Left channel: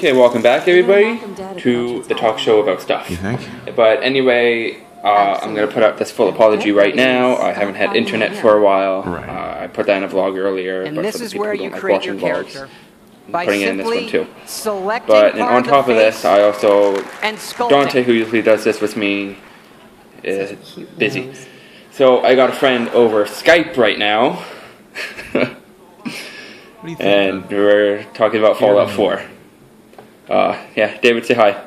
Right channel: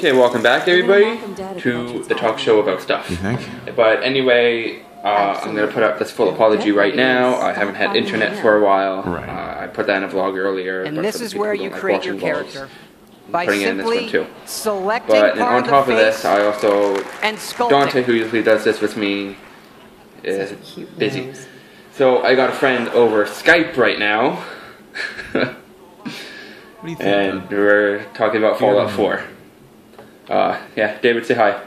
Okay, welcome back, everybody, to the talk show about stuff. You think? But anyway, I'm going to put up this full apology right now. I haven't had internet for a while. Right. I put that in a vlog earlier. And this is where you create your character. By putting in this one simply too. selecting But part on of the top of face this, I also and sculpting. Dante, who usually does this with me, is busy. Nose. So I got a friend over Skype right now, What do you think? and we're talking about Fallout 4. Yeah, David, say hi.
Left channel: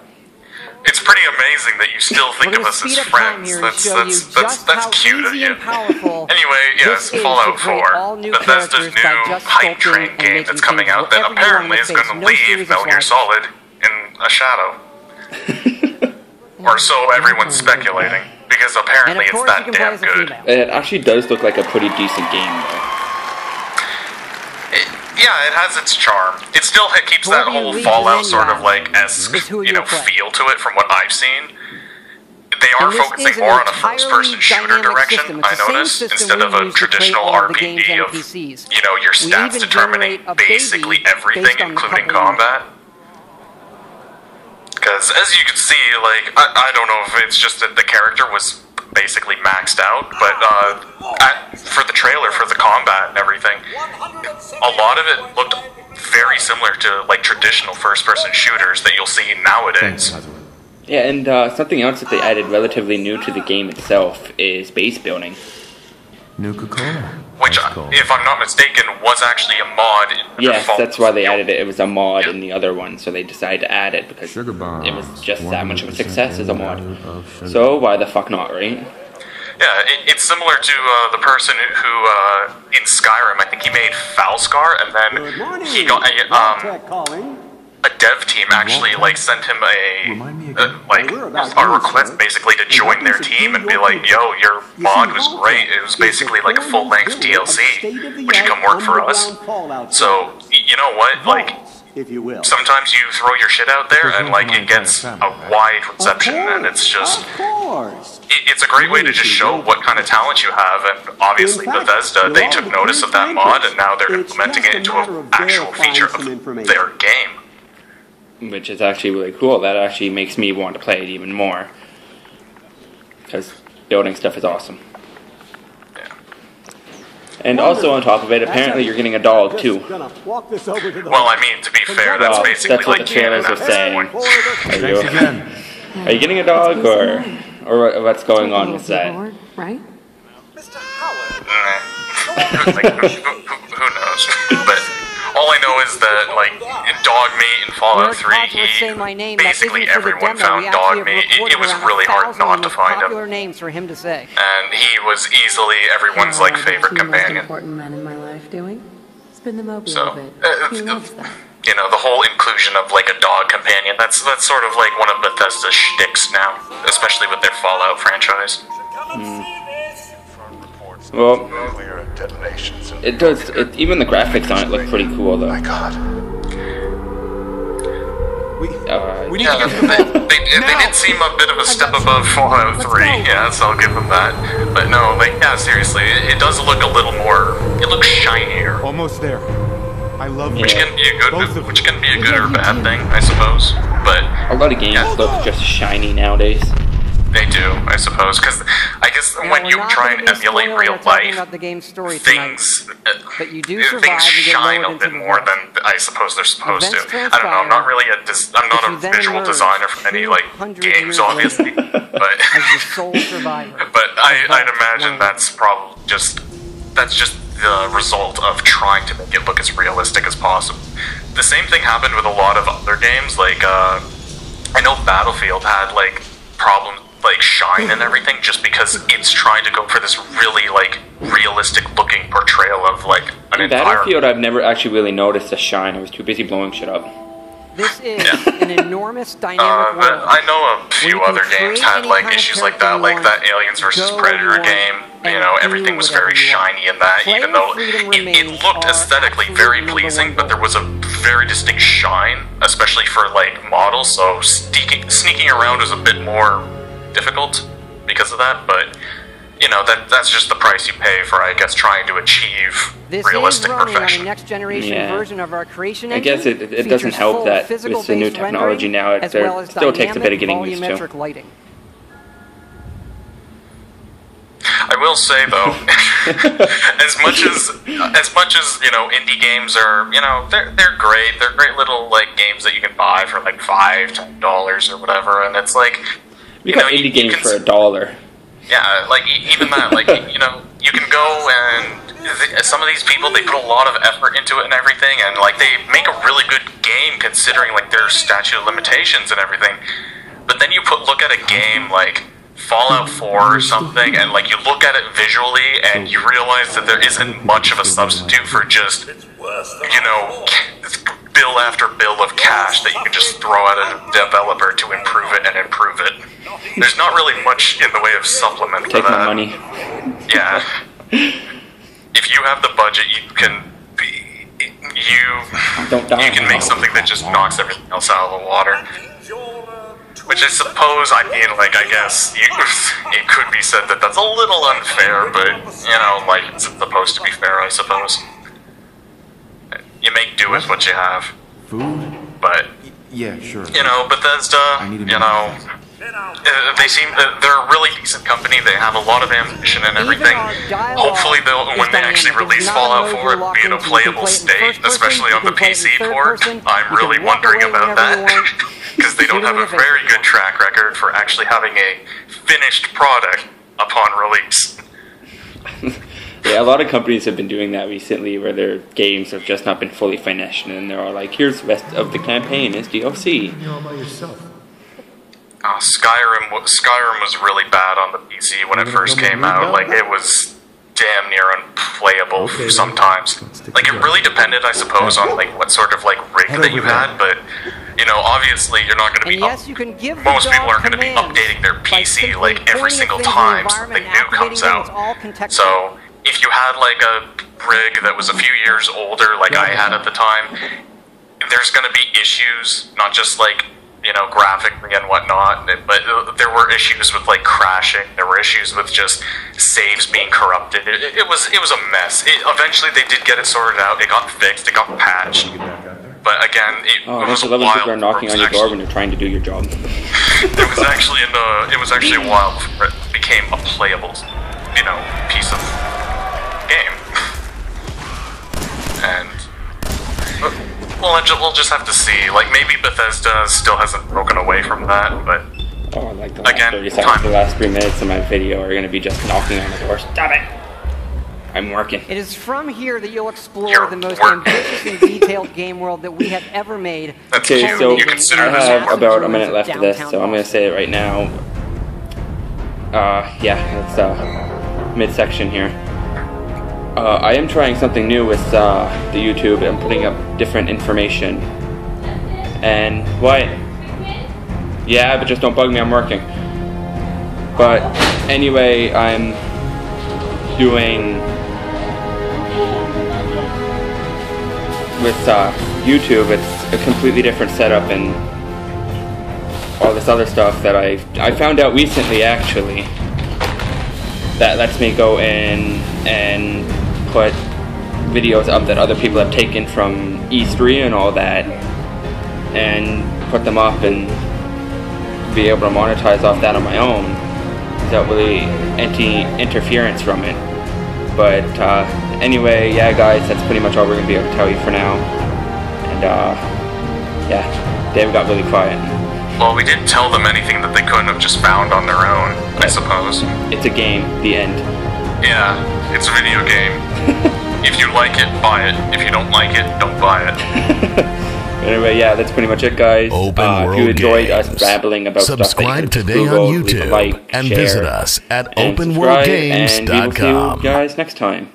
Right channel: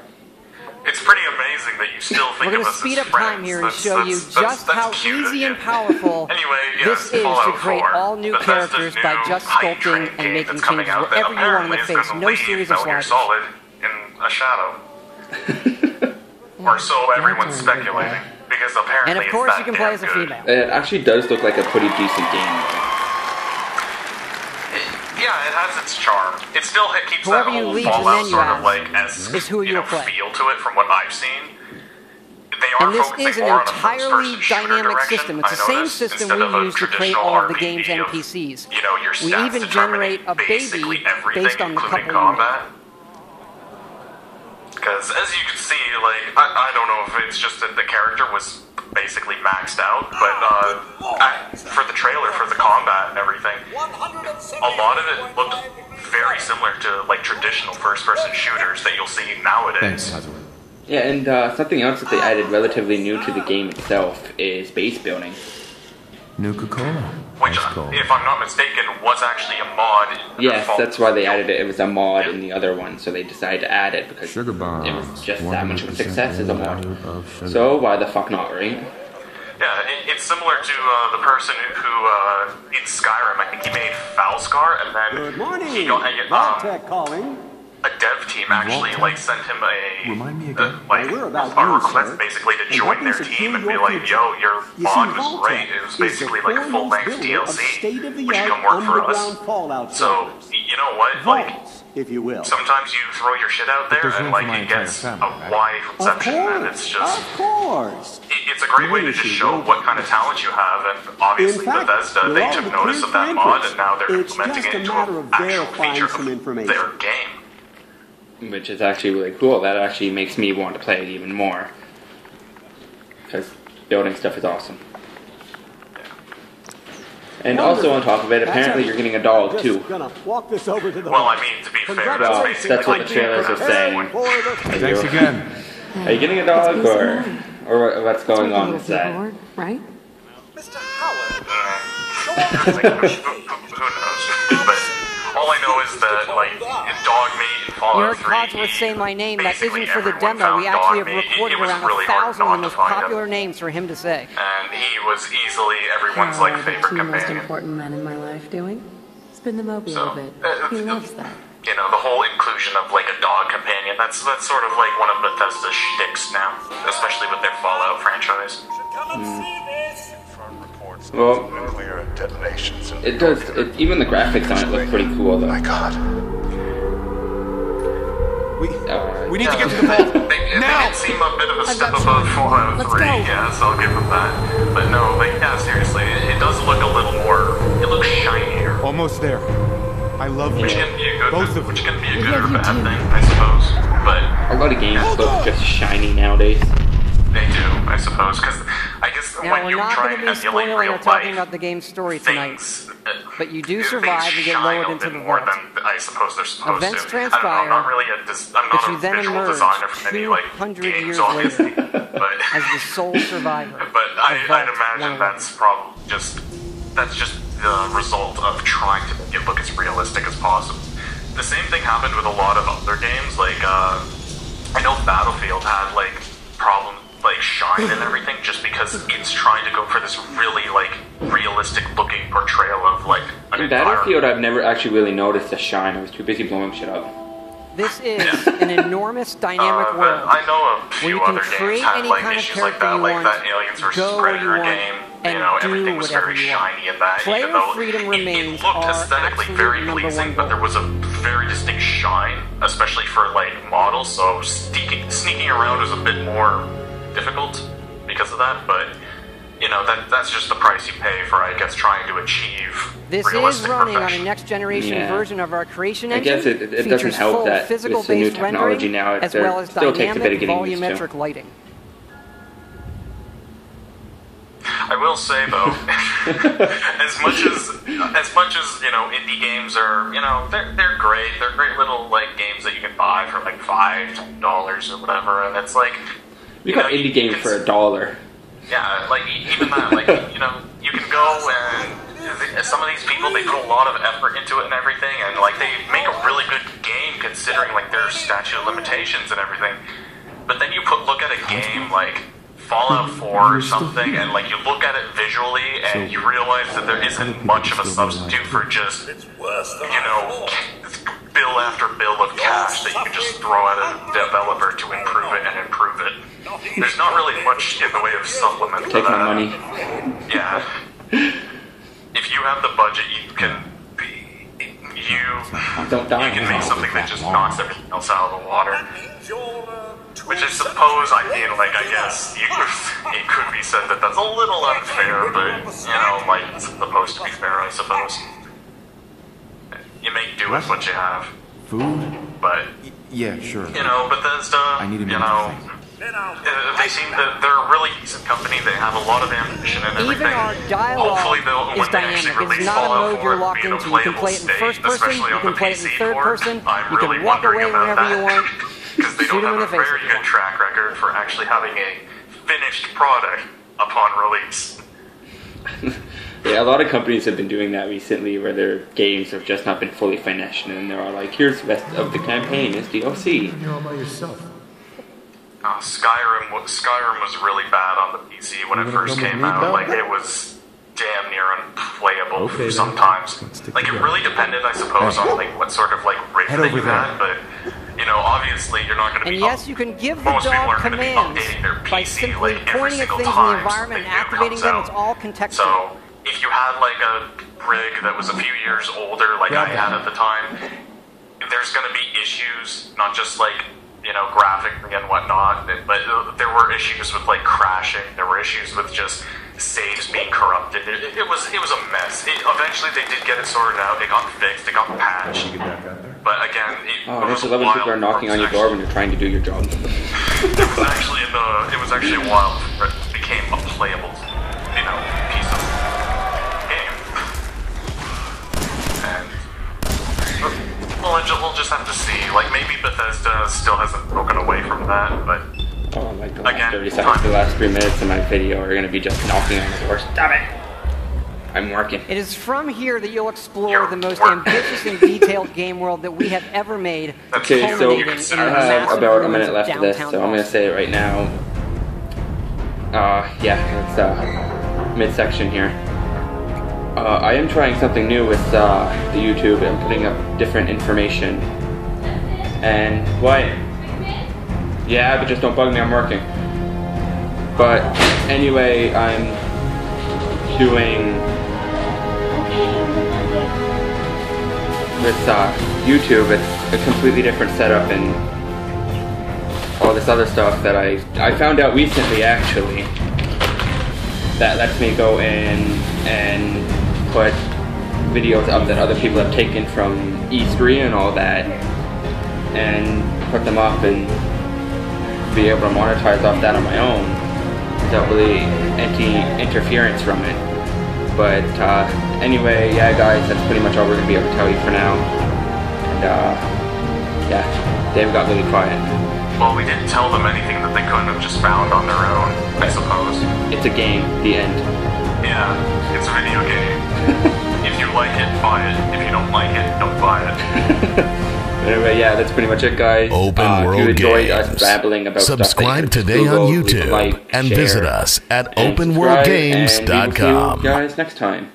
It's pretty amazing that you still think We're of going to us speed as up friends. time here and That's- show you that's- just that's how cute of easy you. and powerful Anyway, yes, this is to Fallout create 4, all new Bethesda's characters new by just hype sculpting train and game making that's coming things out that wherever you want in apparently the is face. going No to leave series of Metal Gear sliders. Solid in a shadow. Or so everyone's speculating, because And apparently of course it's you that can play damn as a good. female. It actually does look like a pretty decent game, though. Yeah, it has its charm. It still keeps Whoever that you whole leave, and Fallout then you sort of ask, like esque, is who you you'll know, play. feel to it from what I've seen. They are And this is focusing an more on a entirely first-person shooter dynamic direction, system. It's I the same noticed, system instead we of a use to create traditional all the RPG game's of, NPCs. you know, your We stats even determining generate a basically baby everything, based on the including couple combat. Because as you can see, like, I don't know if it's just that the character was basically maxed out, but for the trailer, for the combat and everything, a lot of it looked very similar to like traditional first-person shooters that you'll see nowadays. Thanks, Hazard. Yeah, and something else that they added relatively new to the game itself is base building. Nuka-Cola. Which, That's cool. if I'm not mistaken, was actually a mod. In Yes, Fallout. that's why they added it. It was a mod in the other one, so they decided to add it because Sugar bombs. it was just that much of a 100% success as a value mod. of sugar. So why the fuck not, right? Yeah, it's similar to the person who in Skyrim, I think he made Falscar, and then Good morning. he got Vault-Tec calling. a dev team actually Vault-Tec? like sent him Remind me again. like We're about a you, request sir. basically to And join helping their secure team and your be like, future. yo, your You mod see, was Vault-Tec great. It was is the basically like a foremost full-length builder of DLC. state-of-the-art Would you come work for us? underground Fallout So servers. you know what, like. Vaults, if you will. Sometimes you throw your shit out there there's and room like for my it gets entire family, a right? wide Of reception, and it's just Of course. it's a great way to just show what kind of talent you have. And obviously In fact, Bethesda, with they all took the notice clear of that mod, transcripts, and now they're it's implementing just it a into matter an of actual verifying feature some of information. their game. Which is actually really cool. That actually makes me want to play it even more. Because building stuff is awesome. And also on top of it, apparently you're getting a dog Just too. gonna walk this over to the Well, I vault. mean, to be fair, that's Congratulations. basically That's what the like trailers are saying. For the Thanks again. Are you getting a dog That's or mine. what's going Like a on little with that? paperwork, right? Mr. Howard. Like, who knows? But all I know is that like in Dogmeat and Fallout Your 3, gods will say my name. That basically isn't for the everyone demo. We found actually have Dogmeat. recorded It was around really hard 1,000 of not the to most find popular him, names for him to say. and he was easily everyone's like What are the favorite two most companion. important men in my life doing? Spin the mobile So, a bit. He loves that. You know, the whole inclusion of like a dog companion, that's sort of like one of Bethesda's shticks now, especially with their Fallout franchise. Well, Nuclear detonations in it does. Even the graphics on it look pretty cool though. My God. We need to get to the vault. They did seem a bit of a step above Fallout 3, yes, I'll give them that. But no, like, yeah, seriously, it does look a little more, it looks shinier. Almost there. I love Which you. can be a good, Both of which you. can be a good or bad thing, I suppose. But A lot of games look just shiny nowadays. they do, I suppose, because I guess Now, when we're you not try going and to be emulate spoiling real or talking life, about the game's story tonight. things, But you do things survive and get shine lowered a into bit the more vault. than I suppose they're supposed Events to. I don't know, transpire, I'm not really I'm but not you a then visual emerge designer from any like 200 games, years obviously, later but as the sole survivor. but I'd Vault imagine 111. that's probably just the result of trying to make it look as realistic as possible. The same thing happened with a lot of other games, like I know Battlefield had like problems like shine and everything just because it's trying to go for this really like realistic looking portrayal of like an In environment. Battlefield, I've never actually really noticed the shine. I was too busy blowing shit up. This is an enormous dynamic But world. I know a where few you can other games create had any like kind of issues like character that, you like want, that Aliens vs go where you Predator want, game. You and know, do everything was whatever very you want. shiny in that, Player even though freedom it remains looked our aesthetically absolute very number pleasing, one but there goal. was a very distinct shine, especially for like models. So sneaking around was a bit more difficult because of that. But you know, that's just the price you pay for, I guess, trying to achieve This is realistic running on a perfection. next-generation version of our creation I engine. guess it doesn't features help full that with the new physical-based technology rendering, now, as there well as still takes a bit of dynamic getting used to. volumetric lighting. I will say though, as much as you know, indie games are, you know, they're great. They're great little like games that you can buy for like $5-10 or whatever, and it's like you got indie games for $1. Yeah, like even that, like you know, you can go and some of these people, they put a lot of effort into it and everything, and like they make a really good game considering like their statute of limitations and everything. But then you look at a game like Fallout 4 or something, and like you look at it visually, and you realize that there isn't much of a substitute for just, you know, bill after bill of cash that you can just throw at a developer to improve it and improve it. There's not really much in the way of supplement Take for that. my money. Yeah. If you have the budget, you can Don't die. you can make something that just knocks everything else out of the water. Which I suppose, I mean, like, I guess it could be said that that's a little unfair, but, you know, like, it's supposed to be fair, I suppose. You make do with what you have. Food? But, Yeah, sure. you know, Bethesda, I need to you know, they seem that they're a really decent company. They have a lot of ambition and Even everything. our dialogue Hopefully, is when they actually dynamic. It's release not a Fallout mode 4, you're it'll locked be in a into. You can playable play it in state, first person, especially you on the can play it in PC third port. person, I'm you really can walk wondering away about whenever you that. want. Because they don't Shoot 'em have in a the face very if you good want. track record for actually having a finished product upon release. Yeah, a lot of companies have been doing that recently, where their games have just not been fully finished, and they're all like, "Here's the rest of the campaign as DLC." You're all by yourself. Oh, Skyrim was really bad on the PC when it first gonna came read out. about Like, that? it was damn near unplayable Okay, then. sometimes. Let's stick Like, it together. really depended, I suppose, on like what sort of like rig Head that over you there. had. But you know, obviously, you're not going to And be. yes, you can give the Most people dog aren't going to be commands updating their by PC simply like every pointing at single things in the time environment something and new activating comes them. out. It's all contextual. So if you had like a rig that was a few years older, like I had at the time, there's going to be issues, not just like, you know, graphically and whatnot, but there were issues with like crashing. There were issues with just saves being corrupted. It was a mess. Eventually they did get it sorted out. It got fixed. It got patched. Get back out there. But again, it Oh, was I a love when while. people are knocking on your door when you're trying to do your job. It was actually a while before it became a playable, you know, piece of game. And we'll just have to see. Like, maybe Bethesda still hasn't broken away from that, but Oh, like the last Again, 30 seconds, the last 3 minutes of my video are going to be just knocking on the door. Stop it! I'm working. It is from here that you'll explore You're the most working. ambitious and detailed game world that we have ever made, That's Okay, cute. so You culminating can in sit the I down. have massive about a ruins minute of left of this, downtown so I'm going to Boston. say it right now. It's midsection here. I am trying something new with the YouTube. I'm putting up different information. And what? Yeah, but just don't bug me. I'm working. But anyway, I'm doing with YouTube. It's a completely different setup and all this other stuff that I found out recently, actually, that lets me go in and put videos up that other people have taken from E3 and all that, and put them up and be able to monetize off that on my own without really any interference from it. But anyway, yeah guys, that's pretty much all we're going to be able to tell you for now. And yeah, Dave got really quiet. Well, we didn't tell them anything that they couldn't have just found on their own, I suppose. It's a game, the end. Yeah, it's a video game. If you like it, buy it. If you don't like it, don't buy it. Anyway, yeah, that's pretty much it, guys. Open If you World enjoyed Games. us babbling about stuff that you Subscribe can today on Google, leave a YouTube like, and share, visit us at and subscribe, and we will see you openworldgames.com. guys next time.